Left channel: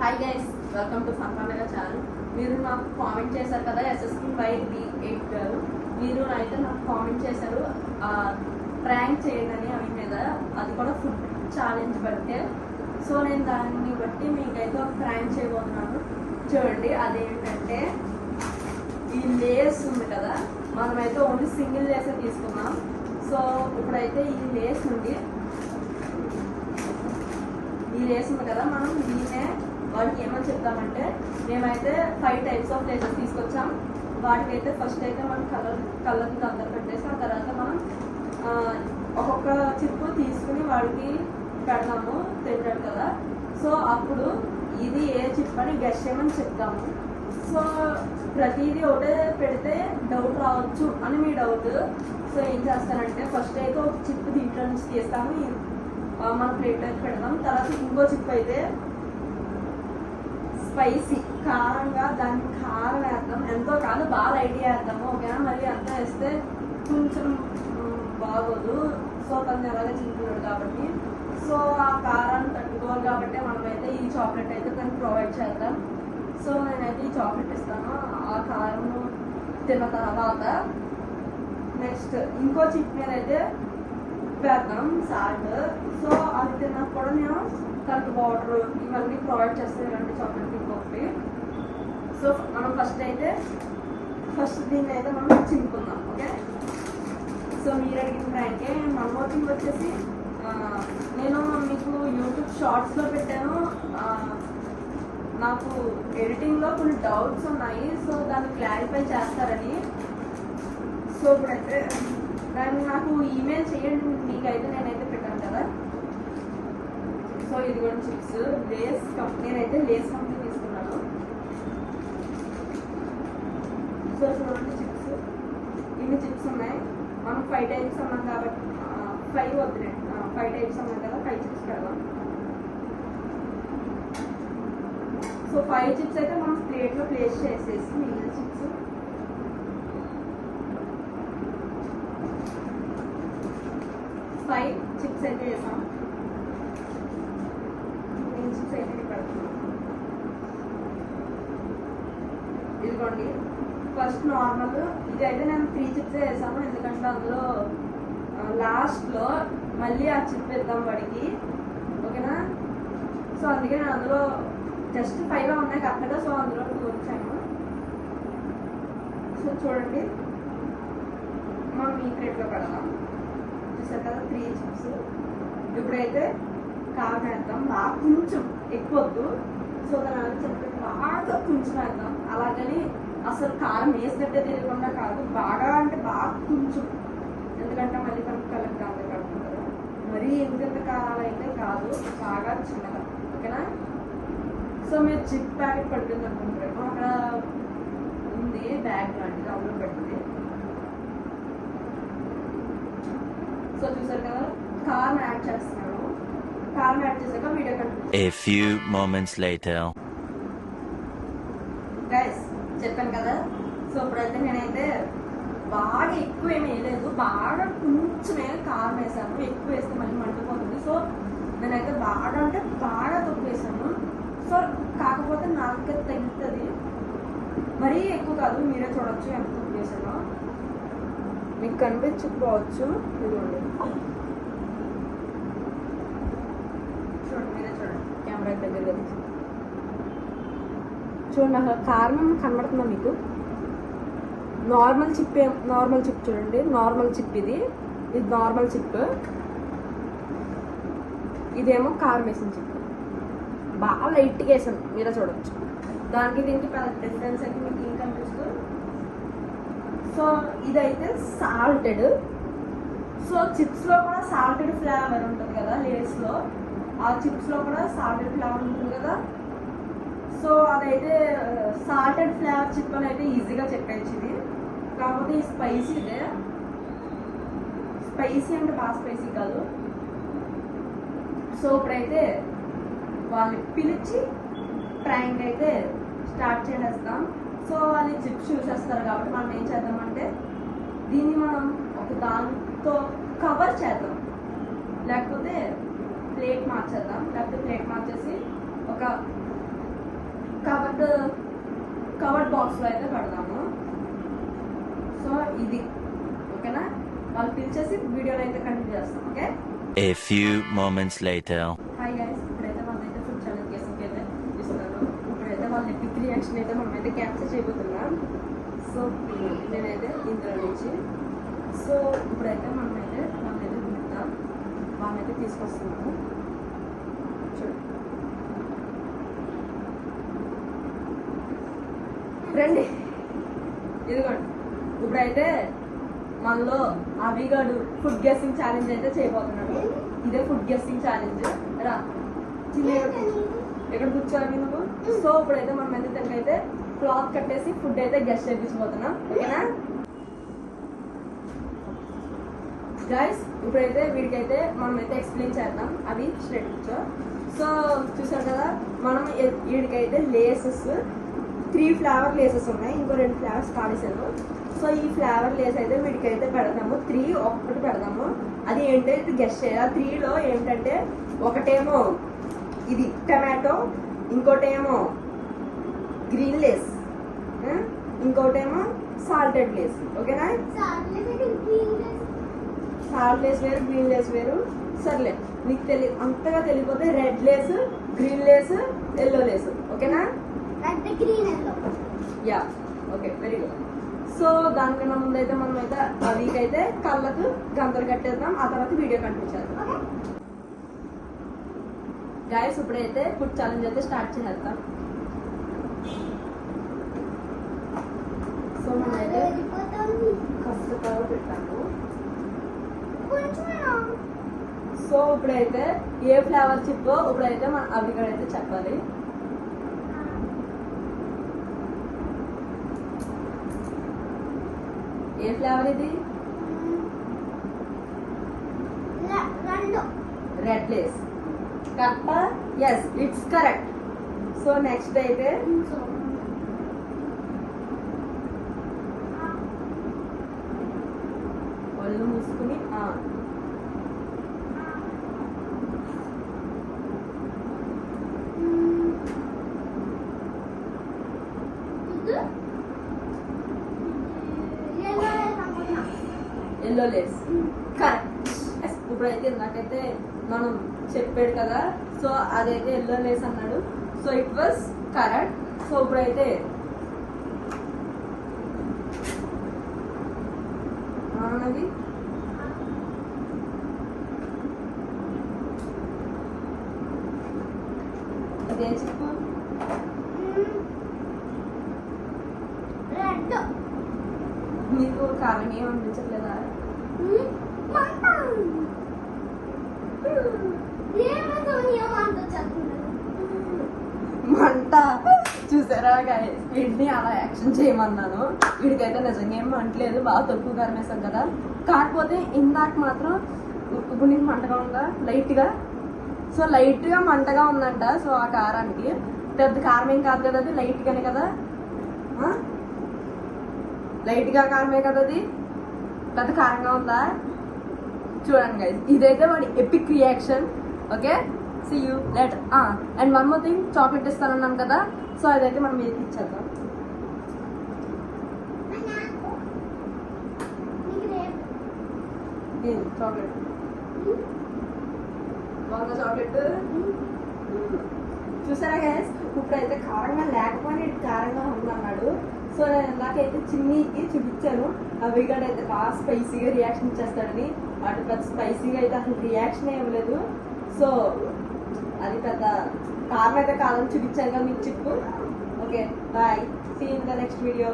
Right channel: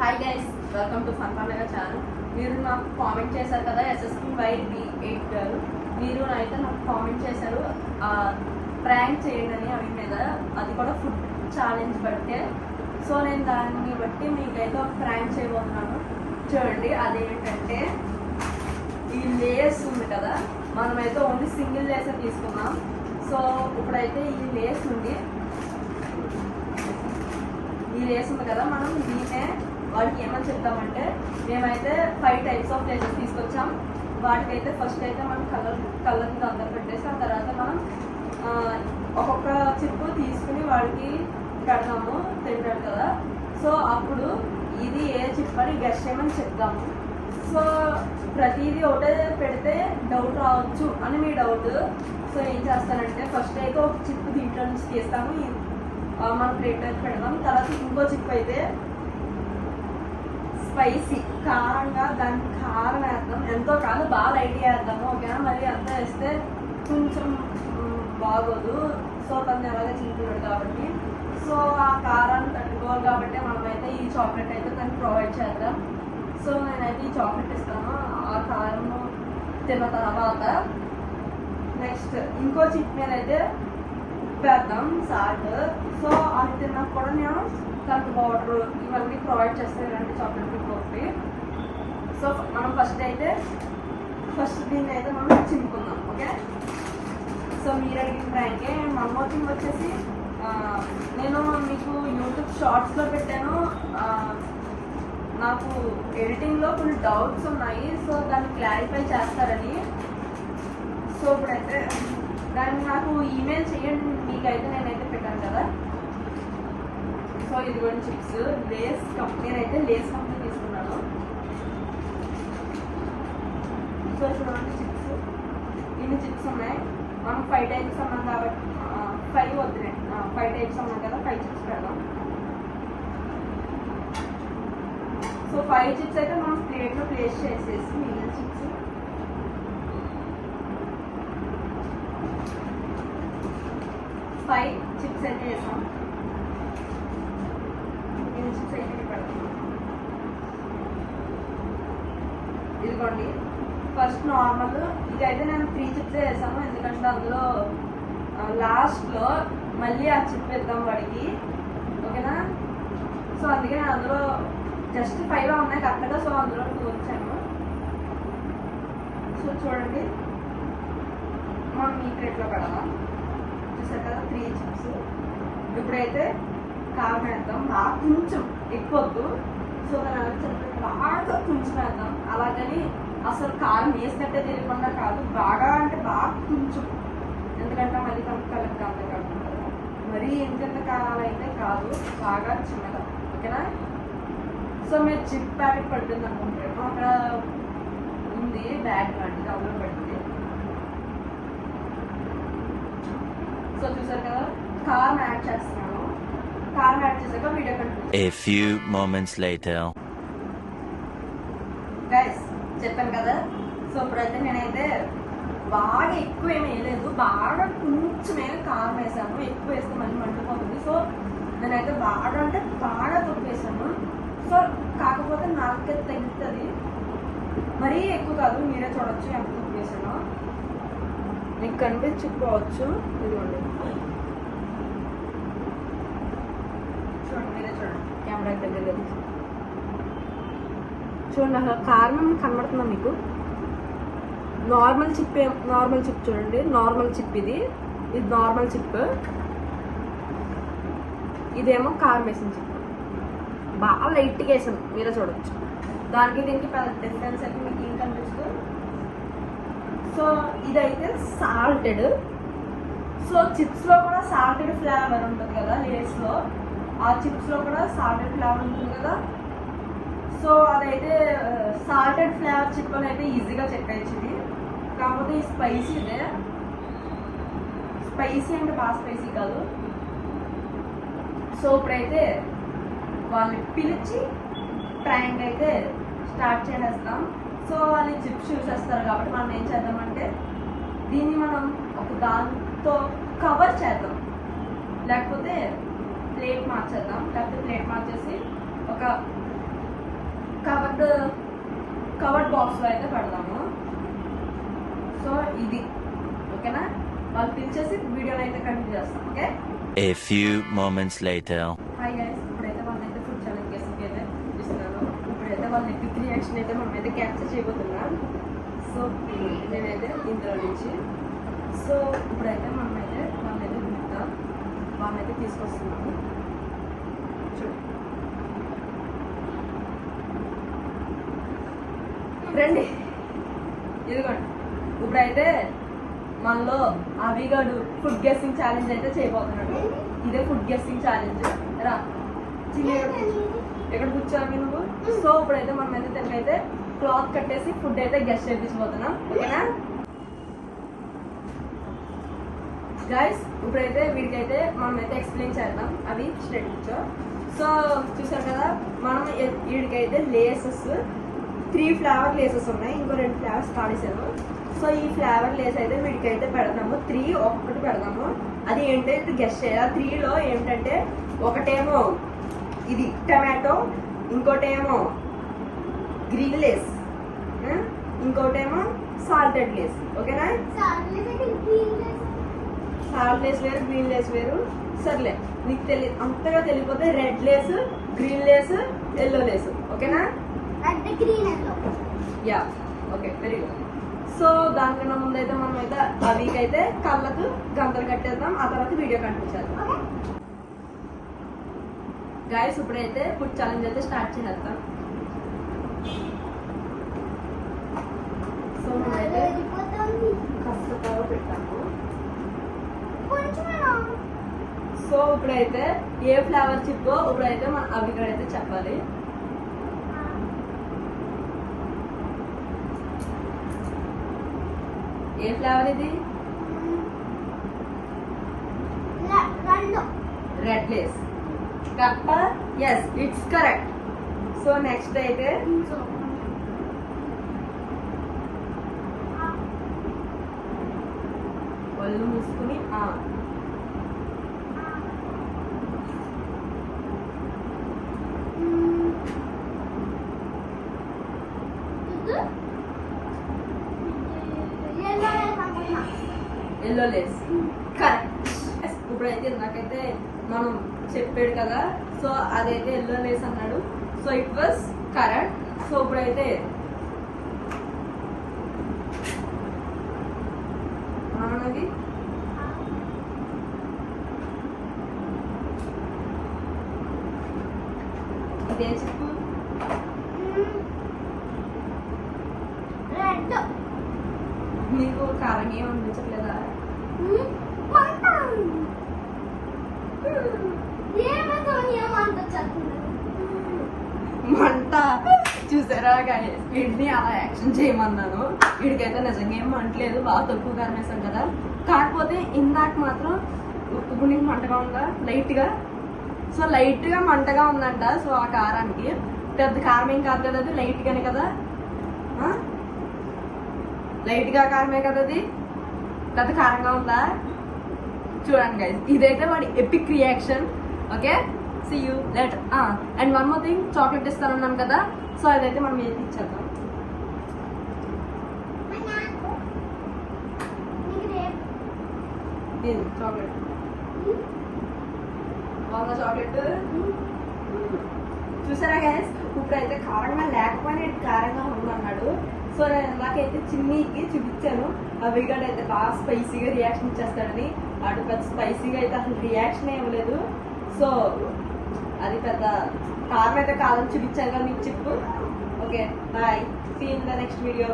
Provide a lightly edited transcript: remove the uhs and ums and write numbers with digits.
Hi guys, welcome to ఫన్ఫన్నగా channel. మీరు నాకు కామెంట్ చేశారు కదా SSP5B8 మీరు అయితే నాకు కామెంట్ చేశారు ప్రాంక్ చేయండి అని అవి మీద, అది కూడా ఫుడ్ ఛాలెంజ్ బట్టే. సో నేను దాన్ని బట్టి మీకైతే ఒక ప్రాంక్ చేయబోతున్నాను. చూడండి, అదేంటంటే ఈ లేస్ ఉంది కదా, మనమైతే ఓన్లీ సింగిల్ లేసే తీసుకున్నాం. సో ఇప్పుడైతే ఈ లేస్ ఉంది కదా, మనం దీన్నే వాటికి ఏమని చెప్తామంటే, మేమైతే 5 టైప్స్ ఆఫ్ లేసెస్ తీసుకొచ్చాం. వాటికైతే ఫస్ట్ అయితే మనం కలర్ అందరు పెట్టేసి ఆ తర్వాత మనం ఒక్కొక్క చిప్పు తీసుకుని వాడికి పెడతాము, తింటాడు కదా. సో అప్పుడు ఇది ఏ చిప్ అని గెస్ చేయమని చెప్తాము. సో ప్రతిదీ ఒకటే పెడితే డౌట్ రావచ్చు అని మీ డౌట్. సో ఏం చేస్తానంటే, ఫస్ట్ అయితే ఒక చిప్ దీంట్లో నుంచి తీస్తాము, మన ప్లేట్ అయితే పెడతాం. తర్వాత ఇంకో చిప్ అయితే స్పైసీ కారంగా, దానికి కారం వేస్తాం. ఎంతో కాదు, బాగా ఐడియా వేస్తాము, ఓకేనా. మరి అంతా వేస్తే కొంచెం బాగోదు. సో కొంచెం అలాగే చిక్కుతాడు కాబట్టి, సో ఆ కారం తట్టుకోవాలి కాబట్టి మనమైతే ఈ చాక్లెట్ అయితే తనకి ప్రొవైడ్ చేద్దాం. సో నేనైతే ఈ చాక్లెట్ ఇస్తాను. ఆ కారం తిన్న తర్వాత నెక్స్ట్ ఇంకో చిప్ మీద అయితే పెడతాం సాల్ట్. సో అది తిన్నా కూడా నేను కరెంట్ పౌడర్ ఇవన్నీ ప్రొవైడ్ చేస్తాను, ఇలాంటి చాక్లెట్ ఇంకొకటి. సో మనం ఫస్ట్ దీన్ని అయితే మనం చింపుకుందాం, ఓకే. సో మీరు అడిగిన దానికి మమ్మోచింగ్ వచ్చేసి నేను మీకు యూట్యూబ్ షార్ట్స్లో పెట్టాను. నాకు ఎడిటింగ్లో ఫుల్ డౌట్స్ ఉన్నాయి, సో దాన్ని క్లారిఫై చేస్తారని. సో ఇప్పుడైతే దాన్ని నాకు ఈమెయిల్ చేయండి, మీకైతే నేనైతే పెట్టాను కదా. సో ఇది కూడా చిప్స్ లేస్ కంపెనీ, అయితే లేస్ కంపెనీ తీసుకున్నాను. సో చూడండి చిప్స్, ఇన్ని చిప్స్ ఉన్నాయి. మనం 5 టైప్స్ అన్నాం కాబట్టి 5 వద్దులే, 5 టైప్స్ అన్నాం కదా, 5 చిప్స్ పెడదాం. సో 5 చిప్స్ అయితే మనం ప్లేట్లో ప్లేస్ చేసేసి మిగిలిన చిప్స్ 5 చిప్స్ అయితే వేసాం. మిగిలిన చిప్స్ అయితే పెడతాం. ఇదిగోండి ఫస్ట్ నార్మల్, ఇది అయితే నేను 3 చిప్స్ వేసాను, ఎందుకంటే అందులో లాస్ట్లో మళ్ళీ ఆ చిప్ వేద్దాం వాడికి, ఓకేనా. సో అందుకే నేను అందులో జస్ట్ 5 ఉన్నాయి కరెక్ట్గా, సో అందులో వచ్చాను. సో చూడండి, మనం ఈ ప్లేట్లో పెడదాం. చూసారు కదా 3 చిప్స్. ఇప్పుడైతే కారం వేద్దాం, బాగా కొంచెం ఎక్కువద్దు. సో దాని బాగా కొంచెం వేద్దాం. అలాగని అసలు కారం వేసినట్టే తెలియకుండా కాదు, బాగా అంటే బాగా కొంచెం, ఎందుకంటే మళ్ళీ కలర్ కాదు కాకుండా మరీ ఎంత కారాలు అయితే కాదు, బాగా చిన్నగా, ఓకేనా. సో మీరు చిప్ ప్యాకెట్ పడుతుంది అనుకుంటే అక్కడ ఉంది బ్యాగ్ లాంటిది, అందులో పడుతుంది. సో చూసారు కదా, కారం యాడ్ చేస్తున్నాను. కారం యాడ్ చేశాక video continue. A few moments later. Guys చెప్పాను కదా, సో ఇప్పుడైతే నేనైతే బాగా ఎక్కువ ఏమి వేయలేదు, బాగా కొంచెమే కారం వేసాను. ఎక్కువ వేస్తే మళ్ళీ మండిపోతుంది. సో నేనైతే బాగా అంటే బాగా తక్కువ వేసాను. సో కాకపోతే నాకే తగ్గుతుంది, మరీ ఎక్కువ కాదు. మీరే చూడొచ్చు ఎంత తక్కువ వేసాను, మీకు కనిపించుకోవచ్చు. మీరే చూడండి, కెమెరా దగ్గర చూడండి, అసలు కారణం కనబడుతుందా మీకు. నార్మల్ చిప్ చూడండి, నార్మల్ చిప్ ఇది నార్మల్ చిప్, ఇదేమో కారం వేసిన చిప్. బాగా లైట్గా వేసాం, మీరే చూడవచ్చు. దానికి దీనికి పెద్ద డిఫరెన్స్ అయితే మీకు ఏం కనిపిస్తుంది. సో ఇదైతే సాల్టెడ్. సో చిప్స్లో కూడా సాల్టెడ్ ఫ్లేవర్ ఉంటుంది కదా, లేస్లో ఆ చిప్స్లో కూడా సాల్టెడ్ ఫ్లేవర్ ఉంటుంది కదా. సో అదైతే సాల్టెడ్ ఫ్లేవర్ చిప్ అని అయితే ఈజీగా చెప్పేసి, కాకపోతే ఈ స్పైసీదే. స్పైసీ అంటే బాగా స్పైసీ కాదు. సో ఇప్పుడైతే వాళ్ళని పిలిచి ప్రాంక్ అయితే స్టార్ట్ చేసేస్తాం. సో వాళ్ళు చిప్స్ చూసేస్తారు కాబట్టి మనం ఏం చేద్దామంటే, దీన్ని మనం ఒక దాంతో కవర్ చేద్దాం, లేకపోతే ప్లేట్ మార్చేద్దాం. లేకపోతే ప్లేట్ మార్చేసి ఒక కవర్డ్ బాక్స్ లో అయితే పెడదాము. సో ఇది ఓకేనా, వాళ్ళు పిలిచేసి వీడియోలో అయితే కంటిన్యూ చేస్తాం. Okay, A few moments later. Hi guys, ఇప్పుడైతే వాళ్ళైతే ఫుడ్ ఛాలెంజ్ గెస్సింగ్ అయితే ఇస్తున్నాను. ఇప్పుడైతే వాళ్ళ ఎపిక్ రియాక్షన్ అయితే మనమైతే క్యాప్చర్ చేయబోతున్నాం. సో నేనైతే ఇందులో నుంచి సో ఇప్పుడైతే మనమైతే వాళ్ళైతే పిలుద్దాం, వాళ్ళైతే తీసుకొస్తున్నాము. రండి, ఇదిగోండి. ఇప్పుడైతే మనలో అవిగాడు ఫుడ్ గెస్సింగ్ ఛాలెంజ్ అయితే చేయబోతున్నాడు. ఇదే ఫుడ్ గెస్సింగ్ ఛాలెంజ్. రా చిన్న ఎక్కడ కూర్చోవాలి నువ్వు. సో ఇప్పుడైతే మనం అయితే దీనికైతే క్లాత్ కట్టేసి ఫుడ్ అయితే గెస్ట్ చేపించబోతున్నాం. ఓకేనా గైస్, ఇప్పుడైతే వీడికైతే మనం అయితే ఎక్స్ప్లెయిన్ చేద్దాం. అవి స్ట్రెయిట్ కూర్చో. సో చూసారు కదా, మనం వీడికైతే లేసెస్ 3 ఫ్లేవర్ లేసెస్ ఉన్నాయి, ఇంకో 2 ఫ్లేవర్స్ కానిసాను. సో ఈ ఫ్లేవర్ లేస్ అయితే వీడికైతే పెడతాము. 3 ఒక్కొక్కటి పెడతాము. అది ఏంటంటే గెస్ట్ చేయాలి. 3లో ఏమిటంటే ఒకటేమో ఇది టమాటో, ఇంకోటేమో గ్రీన్ లేస్, ఇంకోటేమో సాల్టెడ్ లేస్. ఓకేనా, సాల్ట్ లేస్ వేరు, గ్రీన్ లేస్ వేరు. సర్లే, నీకు అంతగా తెలియకపోతే red Lay's, green Lay's, yellow Lay's. ఓకేనా, yeah okay, very good. So దానికన్నా ముందు అయితే మనం అయితే అవికైతే కళ్ళకు గంతలు కట్టేద్దాం, ఆ తర్వాత వీడియో కంటిన్యూ చేద్దాం. గైస్, ఇప్పుడైతే ఫుడ్ ఛాలెంజ్ అయితే స్టార్ట్ చేద్దాం. సో మనమైతే కాస్త కవ పెట్టాము. సో ఇప్పుడైతే ఏ ఫ్లేవర్ చిప్పో ఇప్పుడైతే మన అవికడైతే చెప్పాలి. ఏ ఫ్లేవర్ ఇది? Red Lay's. కరెక్టా? Yes, it's correct. So next అయితే ఒళ్ళు మూసుకుని ఎల్లో లేస్. కరెక్ట్. ఇప్పుడైతే నాకైతే మనం చెప్పాడు కదా, సో అదైతే ఎల్లో లేస్ అన్నాడు. So it was correct. So ఇప్పుడైతే మనది ఇదే చెప్పు. నీకు కారణం ఏమి అనిపించట్లేదా? మంట చూసారా గైస్, వీడిని అలా యాక్షన్ చేయమన్నాను. వీడికైతే నిజంగా ఏం మంటలేదు, బాగా తక్కువ కారం వేసాం కదా. కాకపోతే ఇందాక మాత్రం ఇప్పుడు నీకు మంటగా ఉందా? లైట్గా. సో లైట్గా మంటగా ఉందంట. సో ఆ కారానికి పెద్ద కారం ఏం కాదు కదా, అది లైట్గానే కదా, లైట్గా కారమే కదా, అది పెద్ద కారంగా ఉందా? చూడండి గైస్, ఇదైతే వాడి epic reaction. Okay, see you later. And one more thing, chocolate ఇస్తానన్నాను కదా, సో అదైతే మనం ఏది ఇచ్చేద్దాం. చాక్లెట్ బాగుందా? చాక్లెట్ చూసారా గైస్, ఇప్పుడైతే కారంగా లేకపోయినా కారంగా ఉందన్నాడు. సో నేను నాకైతే చిన్నీకి చూపించాను, అవిగాడు అయితే బాగా స్పైసీగా రియాక్షన్ ఇచ్చేస్తాడని. అటు పెద్ద స్పైసీగా అయితే అసలు రియాక్షన్ ఇవ్వలేదు. సో అది పెద్ద కారం అయితే కాదని చూపించాను కదా మీకు చెప్పు. Okay, bye, see in the next video.